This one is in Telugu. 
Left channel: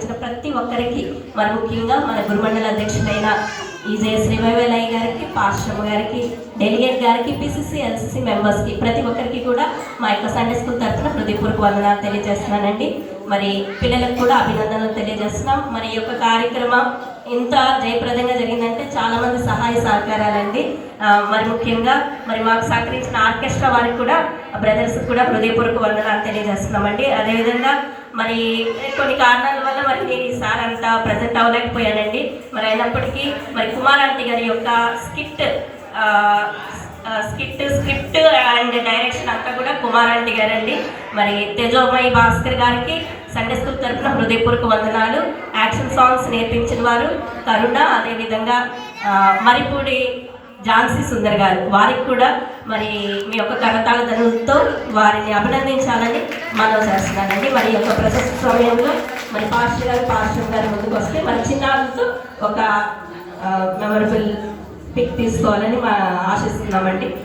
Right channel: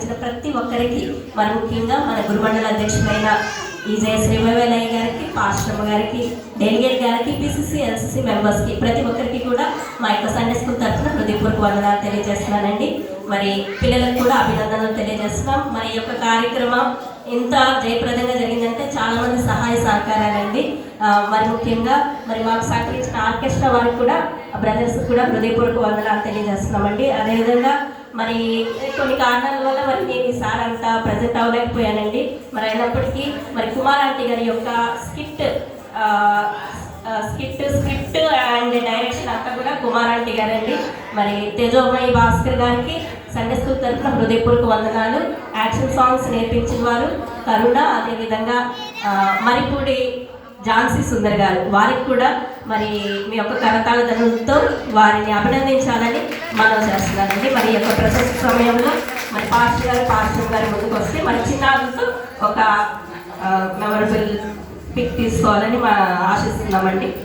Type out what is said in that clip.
సహకరించిన ప్రతి ఒక్కరికి, మరి ముఖ్యంగా మన గురుమండల అధ్యక్షుడైన ఈజే శ్రీవైవలయ్య గారికి, పాస్టర్ గారికి, డెలిగేట్ గారికి, పిసిసి ఎల్సిసి మెంబర్స్కి, ప్రతి ఒక్కరికి కూడా మా యొక్క సండే స్కూల్ తరఫున హృదయపూర్వక వందనాలు తెలియజేస్తున్నానండి. మరి పిల్లలకు కూడా అభినందనలు తెలియజేస్తున్నాం. మరి ఈ యొక్క కార్యక్రమం ఇంత జయప్రదంగా జరిగిందంటే చాలా మంది సహాయ సహకారాలండి. మరి ముఖ్యంగా మరి మాకు సహకరించిన ఆర్కెస్ట్రా వారికి కూడా, బ్రదర్స్ కూడా హృదయపూర్వక వందనాలు తెలియజేస్తున్నామండి. అదేవిధంగా మరి కొన్ని కారణాల వల్ల మరి నేను ఈసారి అంతా ప్రజెంట్ అవ్వలేకపోయానండి. మరి అయినప్పటికీ మరి కుమార్ ఆంటీ గారి యొక్క స్క్రిప్ట్ అండ్ డైరెక్షన్ అంతా కూడా కుమార్ ఆంటీ గారండి. మరి తేజోమయి భాస్కర్ గారికి సండే స్కూల్ తరఫున హృదయపూర్వక వందనాలు. యాక్షన్ సాంగ్స్ నేర్పించిన వారు కరుణ, అదేవిధంగా మరిపూడి ఝాన్సీ సుందర్ గారు, వారికి కూడా మరి మీ యొక్క కరతాళ ధనులతో వారిని అభినందించాలని మనం చేస్తున్నానండి. మరి యొక్క ప్రశస్త సమయంలో మరి పాస్టర్ గారు ముందుకు వస్తే మరి చిన్నారులతో ఒక మెమరబుల్ పిక్ తీసుకోవాలని ఆశిస్తున్నామండి.